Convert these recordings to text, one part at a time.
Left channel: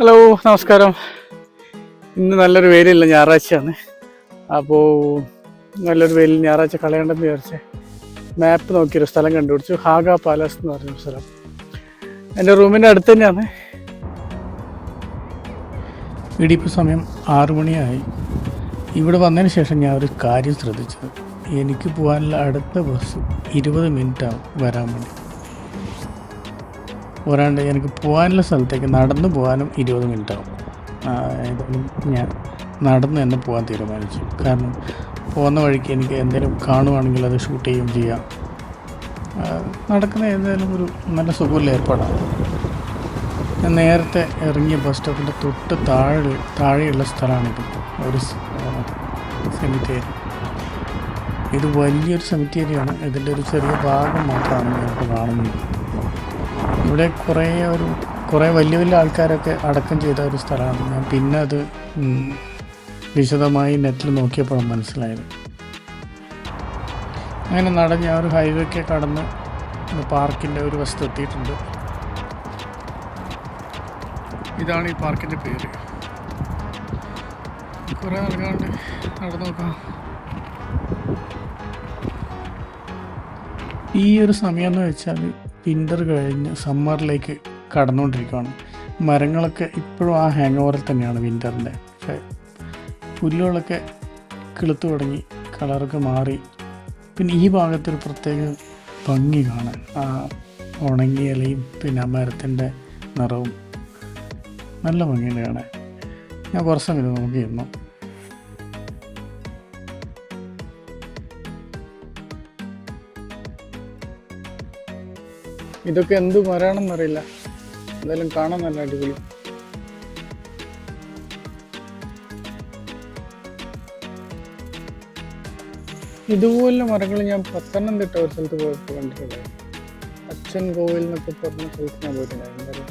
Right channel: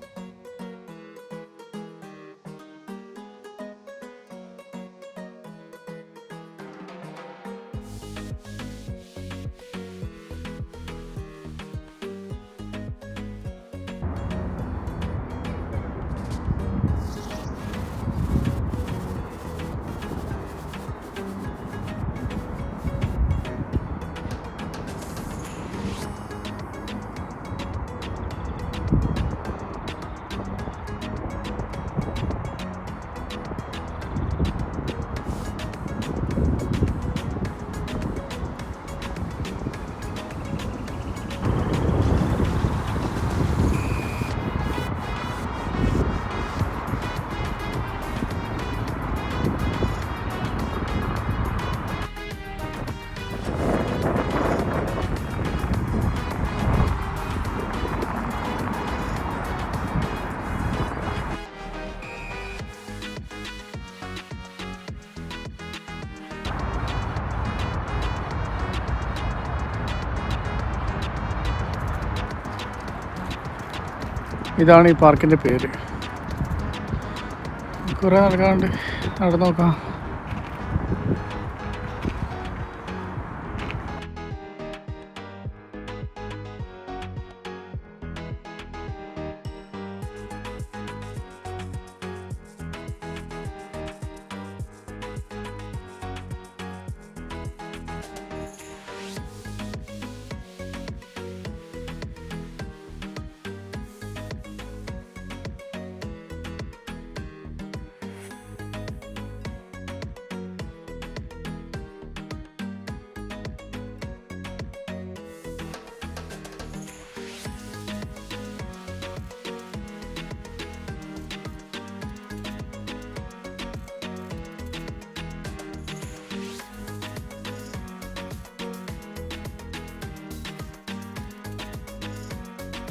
Hello, നമസ്കാരം. ഇന്ന് നല്ലൊരു വെയിലില്ല, ഞായറാഴ്ചയാണ്. അപ്പോൾ നല്ലൊരു വെയിൽ ഞായറാഴ്ച കളയണ്ടെന്ന് വിചാരിച്ച് മാപ്പ് നോക്കിയൊരു സ്ഥലം കണ്ടുപിടിച്ചു. ഹാഗ പാലസ് എന്ന് പറഞ്ഞൊരു സ്ഥലം എൻ്റെ റൂമിൻ്റെ അടുത്ത് തന്നെയാണ്. ഇടിയിപ്പോൾ സമയം 6 മണിയായി. ഇവിടെ വന്നതിന് ശേഷം ഞാൻ ഒരു കാര്യം ശ്രദ്ധിച്ചത്, എനിക്ക് പോകാനുള്ള അടുത്ത ബസ് 20 മിനിറ്റാണ് വരാൻ വേണ്ടി. പോരാണ്ട് എനിക്ക് പോകാനുള്ള സ്ഥലത്തേക്ക് നടന്നു പോകാനും 20 മിനിറ്റാവും. ഞാൻ നടന്ന് തന്നെ പോകാൻ തീരുമാനിച്ചു. കാരണം പോകുന്ന വഴിക്ക് എനിക്ക് എന്തെങ്കിലും കാണുവാണെങ്കിൽ അത് ഷൂട്ട് ചെയ്യുകയും ചെയ്യാം. നടക്കുന്ന ഏതായാലും ഒരു നല്ല സുഖമുള്ള ഏർപ്പാടാണ്. ഞാൻ നേരത്തെ ഇറങ്ങിയ ബസ് സ്റ്റോപ്പിൻ്റെ തൊട്ട് താഴെയുള്ള സ്ഥലമാണിത്. ഒരു സെമിത്തേരി. ഇത് വലിയൊരു സെമിത്തേരിയാണ്. ഇതിൻ്റെ ഒരു ചെറിയ ഭാഗം മാത്രമാണ് കാണുന്നത്. ഇവിടെ കുറേ വലിയ വലിയ ആൾക്കാരൊക്കെ അടക്കം ചെയ്ത ഒരു സ്ഥലമാണ്. ഞാൻ പിന്നെ അത് വിശദമായി നെറ്റിൽ നോക്കിയപ്പോഴാണ് മനസ്സിലായത്. അങ്ങനെ നടന്ന് ഞാൻ ഒരു ഹൈവേക്ക് കടന്ന് പാർക്കിൻ്റെ ഒരു വശത്ത് എത്തിയിട്ടുണ്ട്. ഇതാണ് ഈ പാർക്കിൻ്റെ പേര്. കുറേ നടക്കാണ്ട് നടന്നു നോക്കാം. ഈ ഒരു സമയം എന്ന് വെച്ചാൽ വിൻ്റർ കഴിഞ്ഞ് സമ്മറിലേക്ക് കടന്നുകൊണ്ടിരിക്കുകയാണ്. മരങ്ങളൊക്കെ ഇപ്പോഴും ആ ഹാങ് ഓവറിൽ തന്നെയാണ് വിൻ്ററിൻ്റെ. പുല്ലുകളൊക്കെ കിളുത്തു തുടങ്ങി, കളറൊക്കെ മാറി. പിന്നെ ഈ ഭാഗത്തൊരു പ്രത്യേക ഭംഗി കാണാൻ, ആ ഉണങ്ങിയ ഇലയും പിന്നെ ആ മരത്തിൻ്റെ നിറവും നല്ല ഭംഗിയാണ് കാണാൻ. ഞാൻ കുറച്ച് സമയം നോക്കിയിരുന്നു. ഇതൊക്കെ എന്ത് മരമാണെന്നറിയില്ല, എന്തായാലും കാണാൻ നല്ല അടിപൊളി. ഇതുപോലെ മരങ്ങൾ ഞാൻ പത്തനംതിട്ട ഒരു സ്ഥലത്ത് പോയിട്ട് കണ്ടിട്ടുണ്ട്. അച്ഛൻ കോവിൽ എന്നൊക്കെ പറഞ്ഞ സ്ഥലത്ത് പോയിട്ടുണ്ടായിരുന്നു.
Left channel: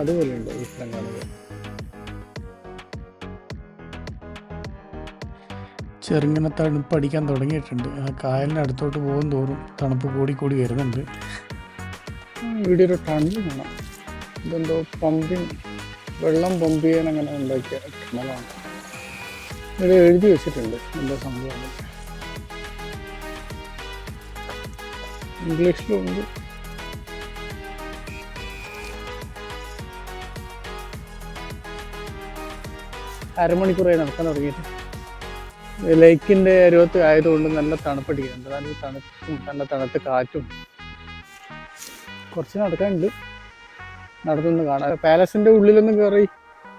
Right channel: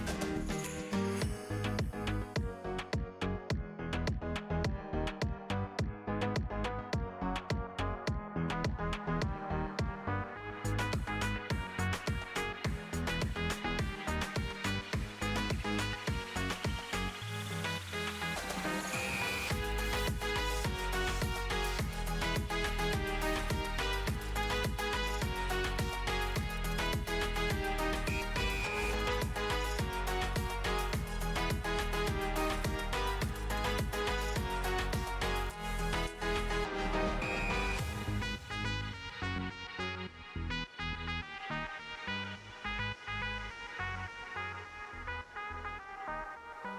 അതുപോലെ ഉണ്ട് ഈ സ്ഥലങ്ങൾ. ചെറുങ്ങനെ തണുപ്പ് അടിക്കാൻ തുടങ്ങിയിട്ടുണ്ട്. ആ കായലിൻ്റെ അടുത്തോട്ട് പോകും തോറും തണുപ്പ് കൂടി വരുന്നുണ്ട്. ഇവിടെ ഒരു ടണൽ കാണാം. ഇതെന്തോ വെള്ളം പമ്പ് ചെയ്യാൻ അങ്ങനെ ഉണ്ടാക്കിയ ടണലാണ്. ഇത് എഴുതി വെച്ചിട്ടുണ്ട് എന്തോ സംഭവം. ഇംഗ്ലീഷിലുണ്ട്. അരമണിക്കൂറായി നടക്കാൻ തുടങ്ങിയിട്ട്. ലേക്കിൻ്റെ അരുവത്ത് ആയതുകൊണ്ട് നല്ല തണുപ്പടിക്കുന്നുണ്ട്. നല്ല തണുപ്പും നല്ല തണുത്ത കാറ്റും. കുറച്ച് നടക്കാനുണ്ട്, നടത്തുനിന്ന് കാണാം. പാലസിൻ്റെ ഉള്ളിലൊന്നും കയറി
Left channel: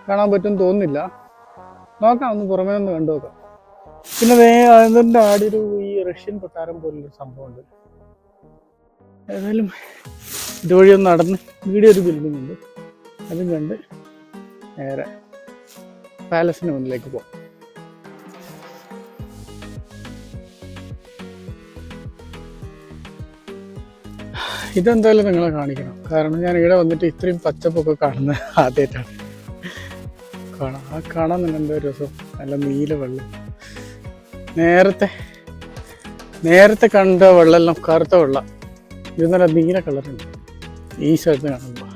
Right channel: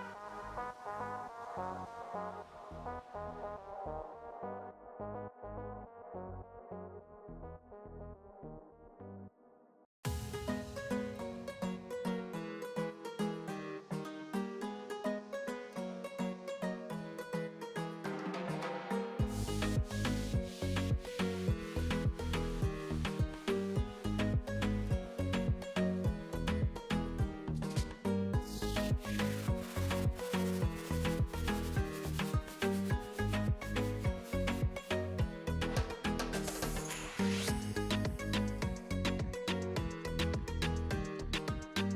കാണാൻ പറ്റുമെന്ന് തോന്നുന്നില്ല. നോക്കാം, ഒന്ന് പുറമേ ഒന്ന് കണ്ടു നോക്കാം. പിന്നെ അതിൻ്റെ ആടൊരു ഈ റഷ്യൻ കൊട്ടാരം പോലൊരു സംഭവമുണ്ട്. ഏതായാലും ഇതുവഴി ഒന്ന് നടന്ന് വീഡിയോ ഒരു ബിൽഡിംഗ് ഉണ്ട്, അതും കണ്ട് നേരെ പാലസിന് മുന്നിലേക്ക് പോകാം. ഇതെന്തായാലും നിങ്ങളെ കാണിക്കണം. കാരണം ഞാൻ ഇവിടെ വന്നിട്ട് ഇത്രയും പച്ചപ്പൊക്കെ കാണുന്നത് ആദ്യമായിട്ടാണ്. കാണാൻ നല്ല എന്തോ രസം. നല്ല നീല വെള്ളം. നേരത്തെ കണ്ട വെള്ളമെല്ലാം കറുത്ത വെള്ളം. ഇത് നല്ല നീല കളറുണ്ട് ഈ സ്ഥലത്ത് കാണുമ്പോൾ.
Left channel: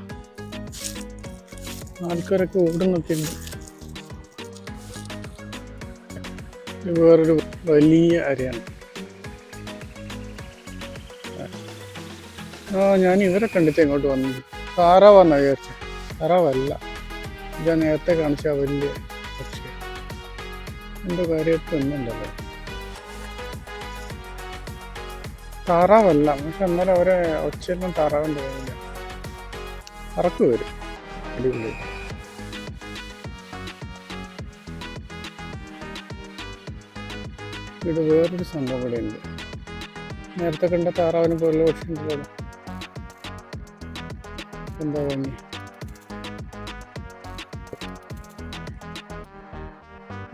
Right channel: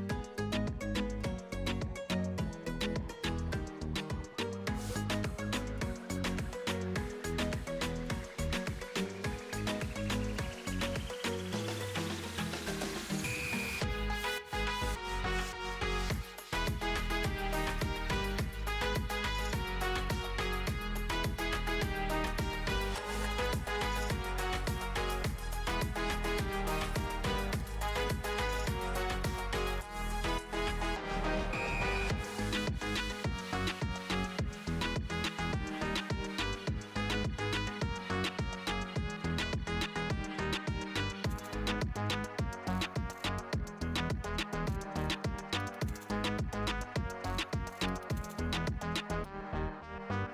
ആൾക്കാരൊക്കെ ഓടുന്നൊക്കെ വേറൊരു വലിയ അരയാണ്. ഞാൻ ഇവരെ കണ്ടിട്ട് ഇങ്ങോട്ട് വന്നു. താറാവെന്നാ വിചാരിച്ചു. താറാവല്ല, ഞാൻ നേരത്തെ കാണിച്ച വലിയ എൻ്റെ കാര്യമൊക്കെ ഒന്നുണ്ടല്ലോ. താറാവല്ല, പക്ഷെ എന്നാലും അവരെ ഒച്ചയൊന്നും താറാവെന്ന് തോന്നുന്നു. കറക്ക് വരും. ഇത് വേറൊരു സംഭവം ഇവിടെ ഉണ്ട്. നേരത്തെ കണ്ട താറാവിന് പോലെ പോലെ എന്താ തോന്നി.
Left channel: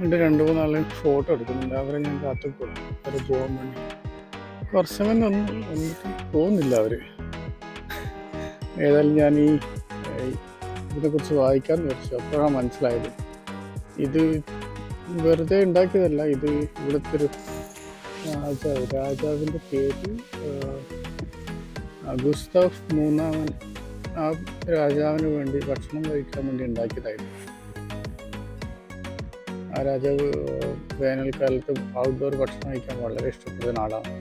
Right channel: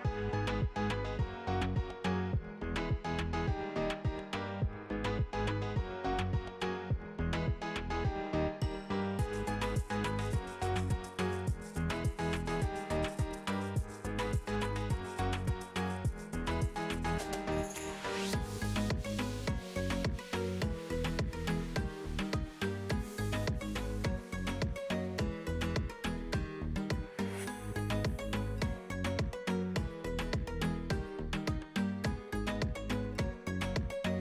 എൻ്റെ 2-3 ആളെ ഫോട്ടോ എടുക്കുന്നുണ്ട്. അവരെ ഞാൻ കാത്തിട്ടുണ്ട്. അത് പോകാൻ വേണ്ടി. കുറച്ച് സമയം ഒന്നും തോന്നുന്നില്ല അവർ. ഏതായാലും ഞാൻ ഇതിനെക്കുറിച്ച് വായിക്കാമെന്ന് വെച്ചു. അപ്പോഴാണ് മനസ്സിലായത് ഇത് വെറുതെ ഉണ്ടാക്കിയതല്ല. ഇത് ഇവിടുത്തെ ഒരു രാജാവിൻ്റെ പേര് ഗുസ്താവ് 3 ആ രാജാവിന് വേണ്ടി ഭക്ഷണം കഴിക്കാൻ വേണ്ടി ഉണ്ടാക്കിയതായിരുന്നു. ആ രാജാവ് വേനൽക്കാലത്ത് ഔട്ട്ഡോർ ഭക്ഷണം കഴിക്കാൻ വളരെ ഇഷ്ടപ്പെടുന്ന ആളാണ്.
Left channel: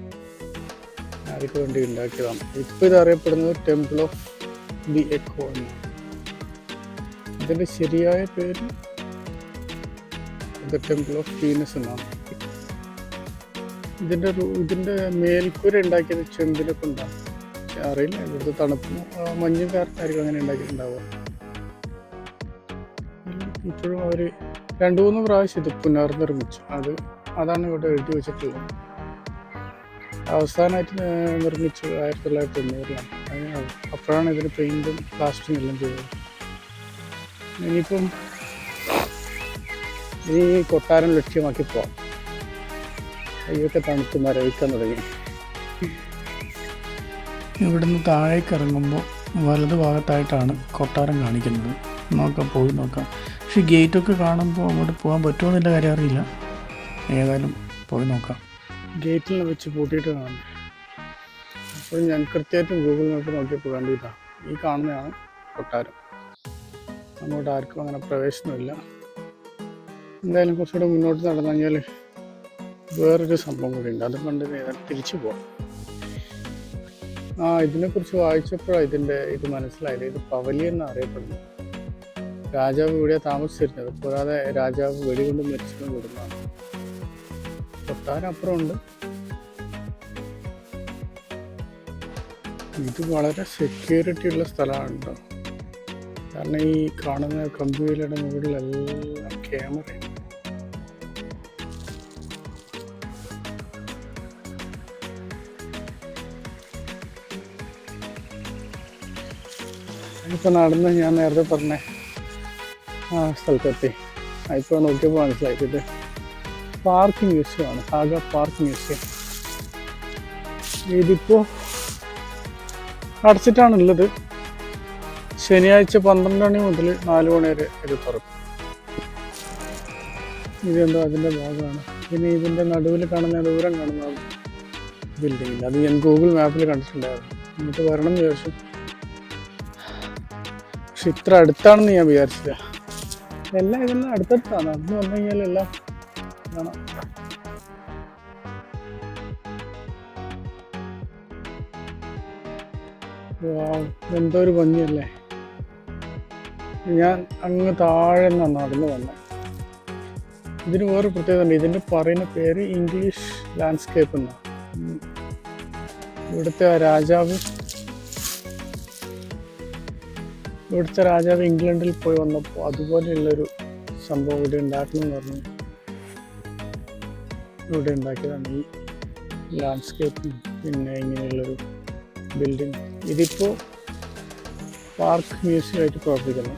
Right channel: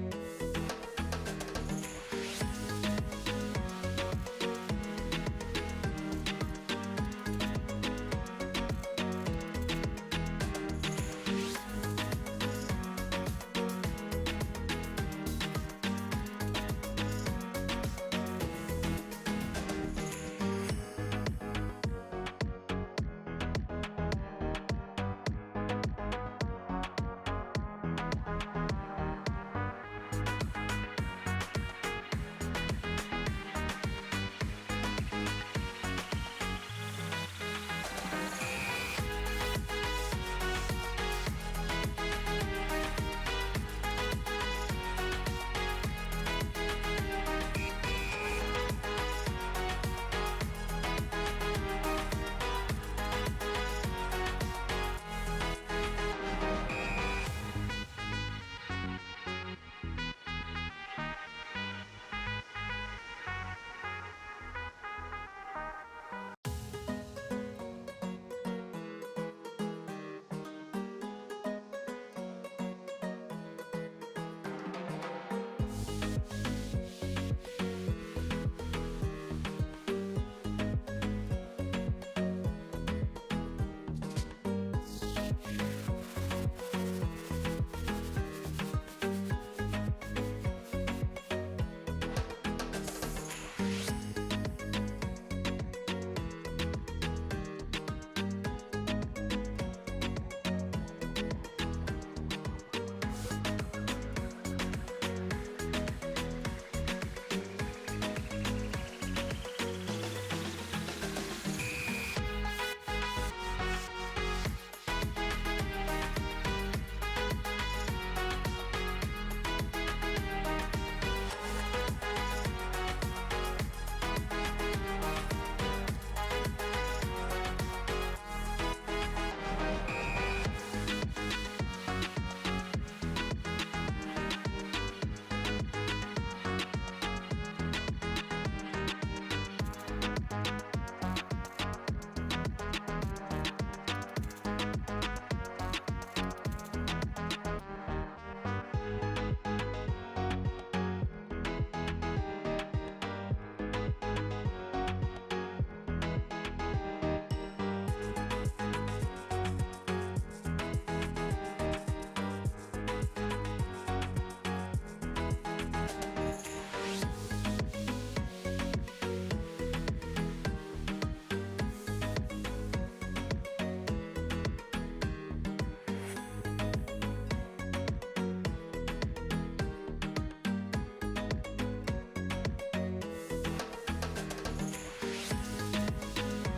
അതിക്ക് വേണ്ടി ഉണ്ടാക്കിയതാണ്. ഇപ്പോൾ ഇത് അറിയപ്പെടുന്നത് ടെമ്പിൾ ഓഫ് ദി എക്കോ. ഇതിൻ്റെ ശരിയായ പേര് ദ ടെമ്പിൾ ഓഫ് വീനസ് എന്നാണ്. ഇതിൻ്റെ മേൽക്കൂര ഉണ്ടാക്കിയത് ചെമ്പിലൊക്കെ ഉണ്ടാകും. അറിയില്ല, ഇത് തണുപ്പ് മഞ്ഞ് കാലത്തായിരിക്കും അങ്ങനെ ഉണ്ടാക്കിയിട്ടുണ്ടാവുക. ഇപ്പോഴും അവർ 2-3 പ്രാവശ്യം ഇത് പുനർനിർമ്മിച്ചു. അതാണ് ഇവിടെ എഴുതി വെച്ചിട്ടുള്ളത്. അവസാനമായിട്ട് നിർമ്മിച്ചു 1990. അപ്പോഴാണ് ഇതിന് പെയിൻറ്റും പ്ലാസ്റ്ററിങ് എല്ലാം ചെയ്തത്. ഇനിയിപ്പം ഈ കൊട്ടാരം ലക്ഷ്യമാക്കി പോകാം. ഇതൊക്കെ തണുത്ത് മരവിക്കാൻ തുടങ്ങി. ഇവിടുന്ന് താഴേക്ക് ഇറങ്ങുമ്പോൾ വലതു ഭാഗത്തായിട്ടാണ് കൊട്ടാരം കാണിക്കുന്നത്. പോയി നോക്കാം. പക്ഷേ ഗേറ്റൊക്കെ കാണുമ്പോൾ അങ്ങോട്ട് പോകാൻ പറ്റുമോ എന്നുള്ള കാര്യം അറിയില്ല. ഏതായാലും പോയി നോക്കാം. ഗേറ്റിൽ വെച്ച് പൂട്ടിയിട്ട് കാണും. അപ്പോൾ ഞാൻ കൃത്യമായിട്ടും ഗൂഗിൾ മാപ്പ് നോക്കിയപ്പോൾ കണ്ടിട്ടാണ് ഈ കാണുന്നതാണ് കൊട്ടാരം. അങ്ങോട്ട് ആർക്കും അങ്ങനെ പ്രവേശനമില്ല. എന്തായാലും കുറച്ചുകൂടെ മുന്നോട്ട് നടന്നു കഴിഞ്ഞാൽ വേറൊരു സംഭവം കൂടി ഉണ്ട്. അത് കണ്ട് നേരെ തിരിച്ചു പോകാം. ഇതിനെക്കുറിച്ച് വായിച്ചപ്പോഴാണ് ഇത് മനസ്സിലായത്. ഇത് പവലിയൻ എന്നറിയപ്പെടുന്നു. രാജാവ് ഇവിടെയാണ് താമസിച്ചിരുന്നത്. കൂടാതെ രാജാവ് വെടികൊണ്ട് മരിച്ചതും കൊടുക്കണം. കൊട്ടാരം അപ്പുറമുണ്ട്. ഇത് വളരെ സെക്യൂരിറ്റി ഉള്ള സ്ഥലമാണ് കേട്ടോ. കാരണം ഈ കാണുന്ന കമ്പ്യൂട്ടറുടെ മുകളിലെല്ലാം ക്യാമറ. ഇപ്പം നടന്ന് ഞാൻ നേരത്തെ പറഞ്ഞ സ്ഥലത്തെത്തി. ഇപ്പോൾ നോക്കിയപ്പോൾ മനസ്സിലാക്കിയിട്ട് പാർക്ക് മ്യൂസിയമാണ്. സാഗ പാർക്ക് മ്യൂസിയം. ഇതിപ്പോൾ അടച്ചിട്ടാണുള്ളത്. ശനിയാഴ്ച 12 മണി മുതൽ 4 മണി വരെ ഇത് തുറക്കും. ഇതെന്തോ അതിൻ്റെ ഭാഗമാണ്. പിന്നെ ഇതിൻ്റെ നടുവിൽ കാണുന്ന ദൂരം കാണുന്ന ബിൽഡിംഗ്, അത് ഞാൻ ഗൂഗിൾ മാപ്പിൽ കണ്ടിട്ടുണ്ടായിരുന്നു. നമുക്ക് വരണം എന്ന് വിചാരിച്ചു. പക്ഷെ ഇത്ര അടുത്താണെന്ന് ഞാൻ വിചാരിച്ചില്ല. ഇതെല്ലാം അടുത്തടുത്താണ്. അന്ന് വന്നു കഴിഞ്ഞാൽ എല്ലാം കാണാം. എന്തോ ഒരു ഭംഗിയല്ലേ. ഞാൻ അങ്ങ് താഴെ നിന്നാണ് നടന്നു വന്നത്. ഇതിന് വേറെ പ്രത്യേകത ഉണ്ട്. ഇതിൻ്റെ പറയുന്ന പേര് ഇംഗ്ലീഷ് ലാൻഡ്സ്കേപ്പ് എന്നാണ്. ഇവിടുത്തെ രാജാവ് ഇംഗ്ലണ്ടിൽ പോയി വന്നപ്പോൾ അതുപോലെയുള്ളൊരു സംഭവം ഇവിടെ ഉണ്ടാക്കണമെന്ന് പറഞ്ഞു ഇവിടെ ഉണ്ടാക്കിയതാണ് ഈ ലാൻഡ്സ്കേപ്പും പിന്നെ ഇങ്ങനെയുള്ളൊരു ബിൽഡിംഗ്. ഇതിപ്പോൾ പാർക്ക് മ്യൂസിയമായിട്ട് പ്രവർത്തിക്കുന്നു.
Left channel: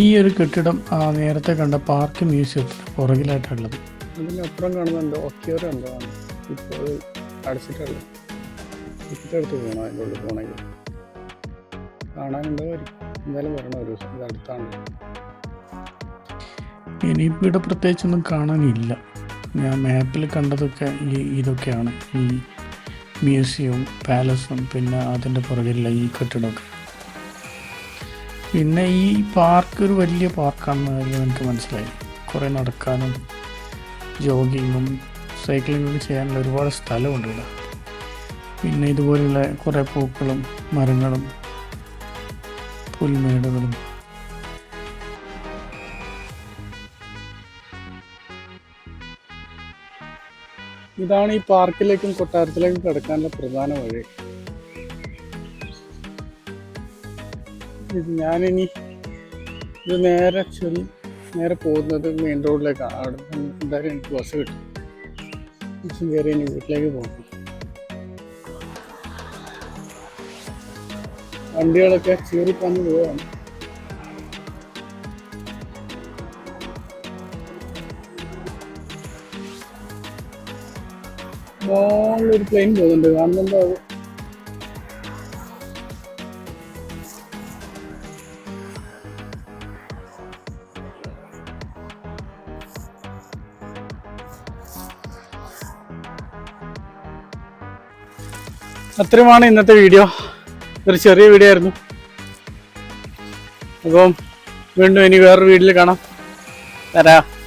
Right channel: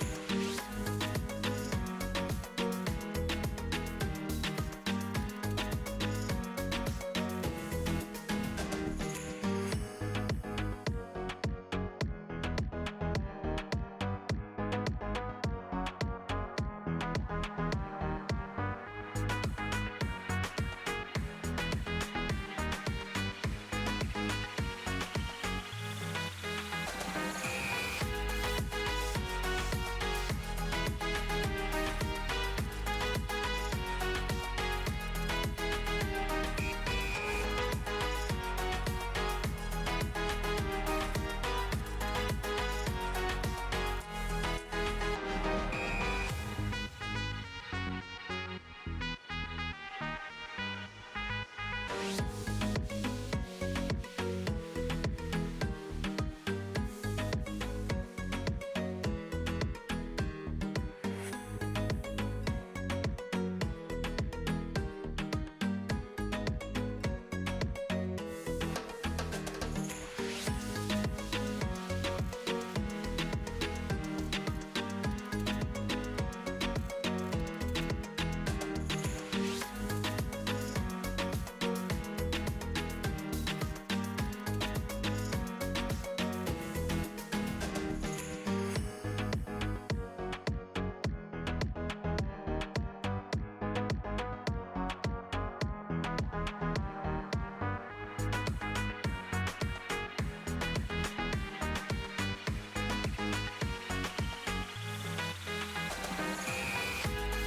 ഈ ഒരു കെട്ടിടം നേരത്തെ കണ്ട പാർക്ക് മ്യൂസിയത്തിൽ പുറകിലായിട്ടുള്ളത്. ഇതിനപ്പുറം കാണുന്നുണ്ട് ഒക്കെയോരുണ്ടോ. ഇപ്പോൾ അടച്ചിട്ടുള്ള ഇപ്പടുത്ത് പോകണം. അതിൻ്റെ പോകണമെങ്കിൽ കാണാനുണ്ട്. എന്തായാലും വരണം ഒരു ദിവസം. ഇത് അടുത്താണ്. ഇനിയിപ്പോൾ ഇവിടെ പ്രത്യേകിച്ചൊന്നും കാണാനില്ല. ഞാൻ മാപ്പിൽ കണ്ടതൊക്കെ ഇതൊക്കെയാണ്. ഈ മ്യൂസിയവും പാലസും പിന്നെ അതിൻ്റെ പുറകിലുള്ള ഈ കെട്ടിടമൊക്കെ. പിന്നെ ഈ പാർക്ക് ഒരു വലിയ പാർക്കാണെന്ന് എനിക്ക് മനസ്സിലായി. കുറേ നടക്കാനും ജോഗിങ്ങും സൈക്ലിങ്ങും ചെയ്യാനുള്ള ഒരുപാട് സ്ഥലമുണ്ട്. പിന്നെ ഇതുപോലുള്ള കുറേ പൂക്കളും മരങ്ങളും പുൽമേടുകളും. ഇതാണ് ഈ പാർക്കിലേക്കും കൊട്ടാരത്തിലേക്കും കിടക്കാനുള്ള പ്രധാന വഴി. ഞാനിനി ഇത് നേരെ പോകുന്നത് മെയിൻ റോഡിലേക്കാണ്. അവിടെ എന്തായാലും എനിക്ക് ബസ് കിട്ടും. ബസ് കയറി ഇനി വീട്ടിലേക്ക് പോകും. വണ്ടികളൊക്കെ ചീറിപ്പന്ന് പോവാണ്. ഒരു പ്ലെയിൻ പോകുന്നുണ്ട്. കാണുന്നുണ്ടോ? അത്രയുമാണ് ഇന്നത്തെ വീഡിയോ. ഒരു ചെറിയ വീഡിയോ ആയിരുന്നു. അപ്പം വീണ്ടും ഇനി വേറൊരു വീഡിയോയിൽ കാണാം. തരാം.